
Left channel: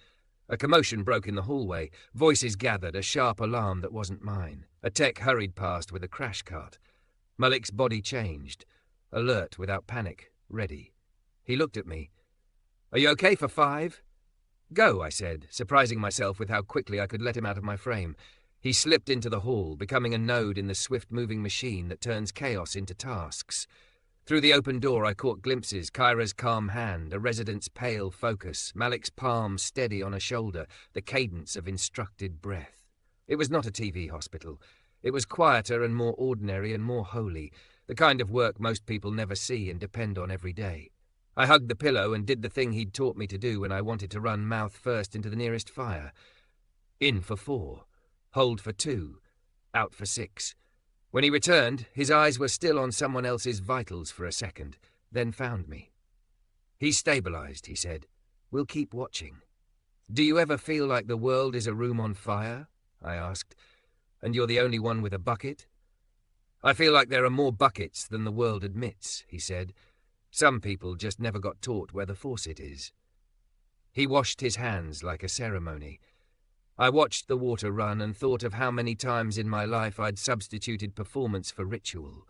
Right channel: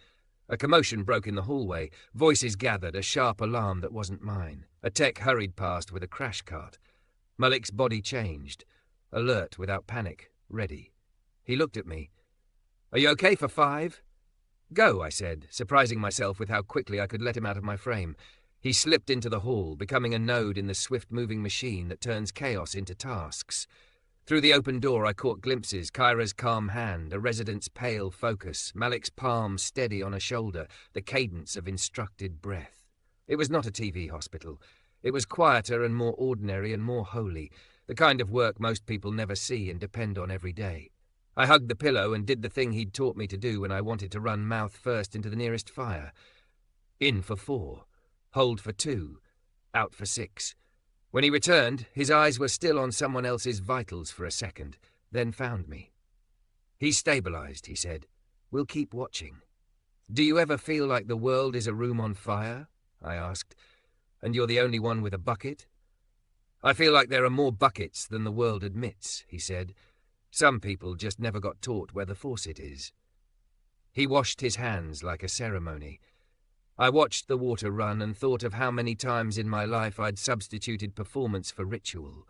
A commotion broke in the hallway. Voices gathered, a sharp alarm that wasn't mine. A tech hurried past with a crash cart. Malik's body changed. Alert without panic. Ready. He looked at me. "Are you okay for 5? "Go," I said, surprising myself with how quickly I could let him out of my frame. He slipped into the hall, becoming a node in the swift-moving machine that turns chaos into tasks. Through the open door I caught glimpses, Kyra's calm hand, a resident's pale focus, Malik's palm steady on a shoulder, the cadence of instructed breath. It was not a TV hospital. It was quieter and more ordinary and more holy, the kind of work most people never see and depend on every day. I hugged the pillow and did the thing he'd taught me to do when I wanted to run mouth first into the nearest fire. In for 4, hold for 2, out for 6. When he returned, his eyes were still on someone else's vitals for a second, then found me. He's stabilized, he said. We'll keep watching. Do you ever feel like the world is a room on fire? I asked. And you're the only one with a bucket? I feel like there are more buckets than the world admits, he said. Some people just never got taught where the faucet is. He washed his hands like a ceremony. I watched the water run and thought of how many times in my life I'd substituted performance for ritual.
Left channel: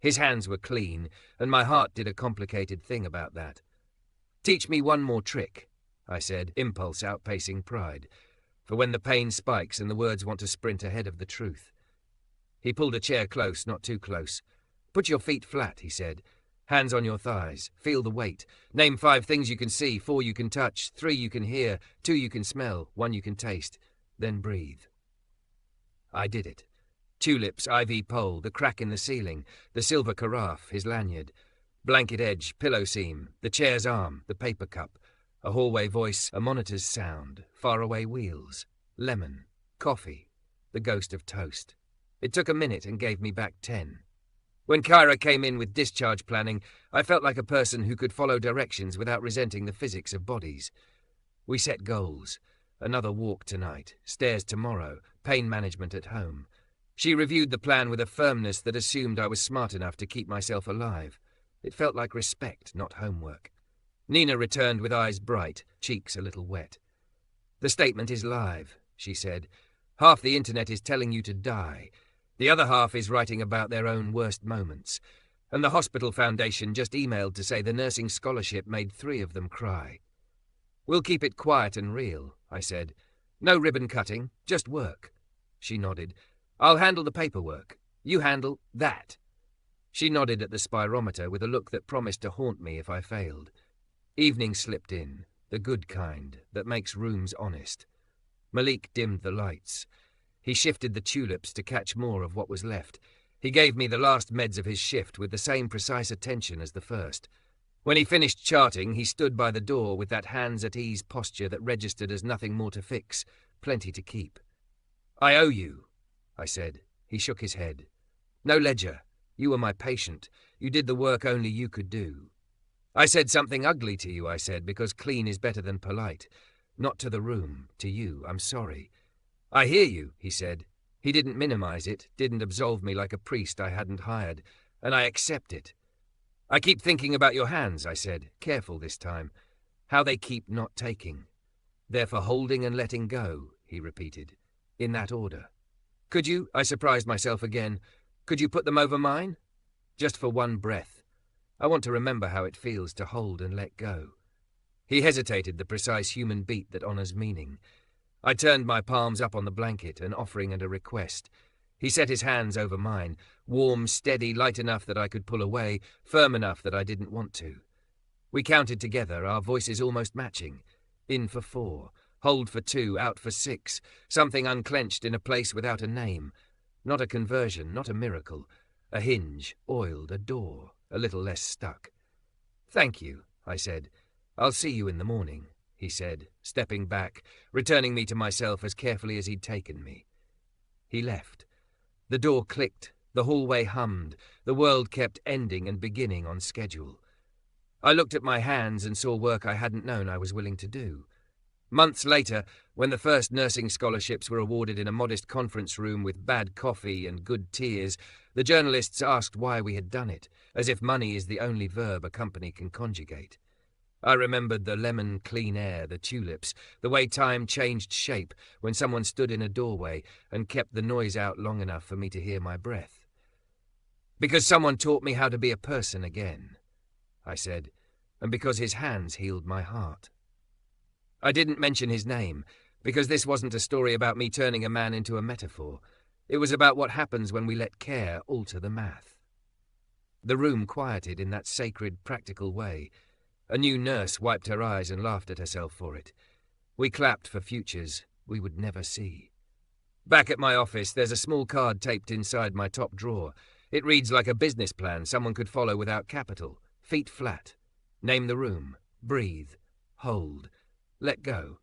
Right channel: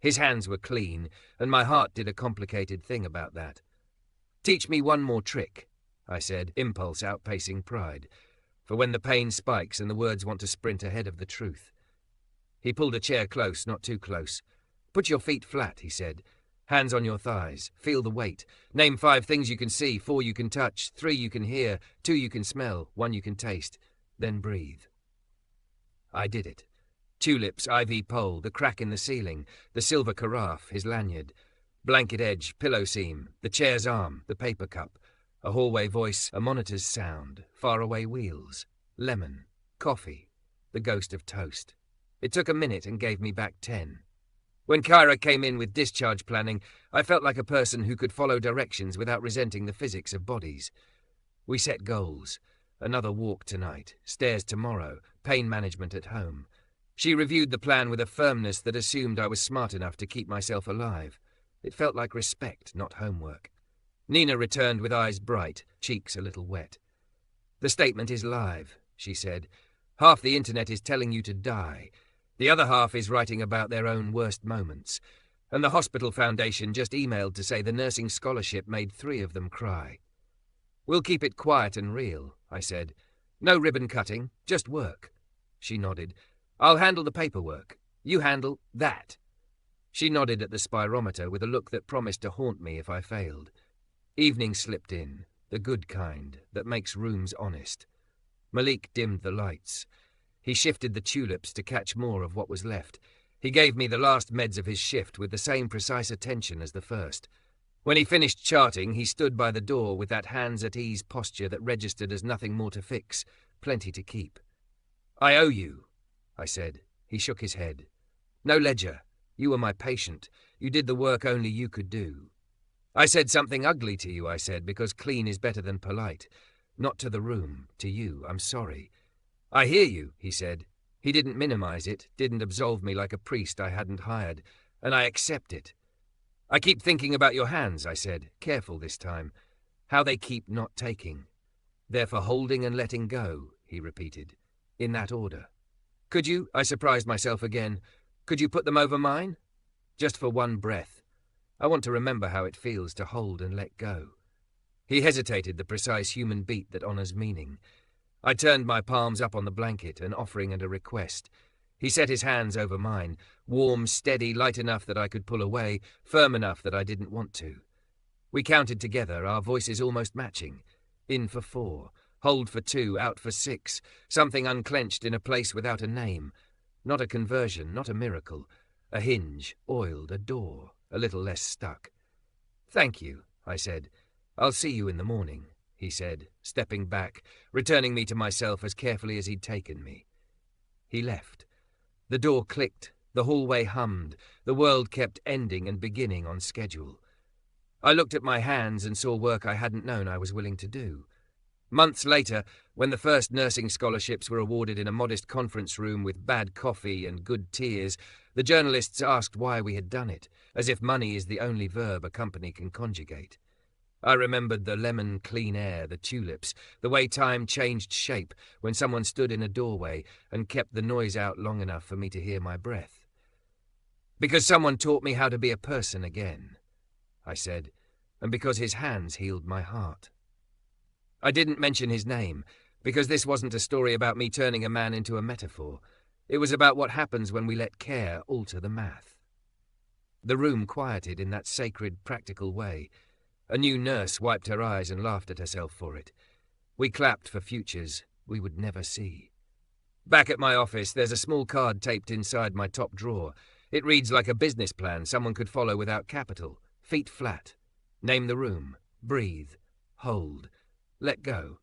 His hands were clean, and my heart did a complicated thing about that. Teach me one more trick, I said, impulse outpacing pride, for when the pain spikes and the words want to sprint ahead of the truth. He pulled a chair close, not too close. Put your feet flat, he said. Hands on your thighs. Feel the weight. Name 5 things you can see, 4 you can touch, 3 you can hear, 2 you can smell, 1 you can taste. Then breathe. I did it. Tulips, ivy pole, the crack in the ceiling, the silver carafe, his lanyard, blanket edge, pillow seam, the chair's arm, the paper cup, a hallway voice, a monitor's sound, faraway wheels, lemon, coffee, the ghost of toast. It took a minute and gave me back 10. When Kyra came in with discharge planning, I felt like a person who could follow directions without resenting the physics of bodies. We set goals. Another walk tonight, stairs tomorrow, pain management at home. She reviewed the plan with a firmness that assumed I was smart enough to keep myself alive. It felt like respect, not homework. Nina returned with eyes bright, cheeks a little wet. The statement is live, she said. Half the internet is telling you to die. The other half is writing about their own worst moments. And the Hospital Foundation just emailed to say the nursing scholarship made 3 of them cry. We'll keep it quiet and real, I said. No ribbon cutting, just work. She nodded. I'll handle the paperwork. You handle that. She nodded at the spirometer with a look that promised to haunt me if I failed. Evening slipped in, the good kind, that makes rooms honest. Malik dimmed the lights. He shifted the tulips to catch more of what was left. He gave me the last meds of his shift with the same precise attention as the first. When he finished charting, he stood by the door with that hands-at-ease posture that registered as nothing more to fix, plenty to keep. I owe you, I said. He shook his head. No ledger. You were my patient. You did the work only you could do. I said something ugly to you, I said, because clean is better than polite. Not to the room, to you. I'm sorry. I hear you, he said. He didn't minimize it, didn't absolve me like a priest I hadn't hired, and I accept it. I keep thinking about your hands, I said, careful this time. How they keep not taking. They're for holding and letting go, he repeated, in that order. Could you, I surprised myself again, could you put them over mine? Just for one breath. I want to remember how it feels to hold and let go. He hesitated, the precise human beat that honors meaning. I turned my palms up on the blanket, an offering and a request. He set his hands over mine, warm, steady, light enough that I could pull away, firm enough that I didn't want to. We counted together, our voices almost matching. In for 4, hold for 2, out for 6, something unclenched in a place without a name. Not a conversion, not a miracle. A hinge, oiled, a door, a little less stuck. Thank you, I said. I'll see you in the morning, he said, stepping back, returning me to myself as carefully as he'd taken me. He left. The door clicked, the hallway hummed, the world kept ending and beginning on schedule. I looked at my hands and saw work I hadn't known I was willing to do. Months later, when the first nursing scholarships were awarded in a modest conference room with bad coffee and good tears, the journalists asked why we had done it, as if money is the only verb a company can conjugate. I remembered the lemon clean air, the tulips, the way time changed shape when someone stood in a doorway and kept the noise out long enough for me to hear my breath. Because someone taught me how to be a person again, I said, and because his hands healed my heart. I didn't mention his name, because this wasn't a story about me turning a man into a metaphor. It was about what happens when we let care alter the math. The room quieted in that sacred, practical way. A new nurse wiped her eyes and laughed at herself for it. We clapped for futures we would never see. Back at my office, there's a small card taped inside my top drawer. It reads like a business plan someone could follow without capital. Feet flat. Name the room. Breathe. Hold. Let go.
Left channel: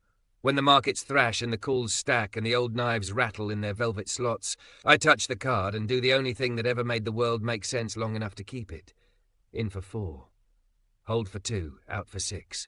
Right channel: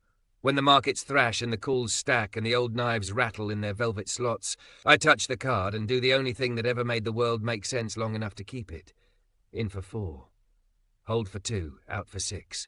When the markets thrash and the calls stack and the old knives rattle in their velvet slots, I touch the card and do the only thing that ever made the world make sense long enough to keep it. In for 4. Hold for 2, out for 6.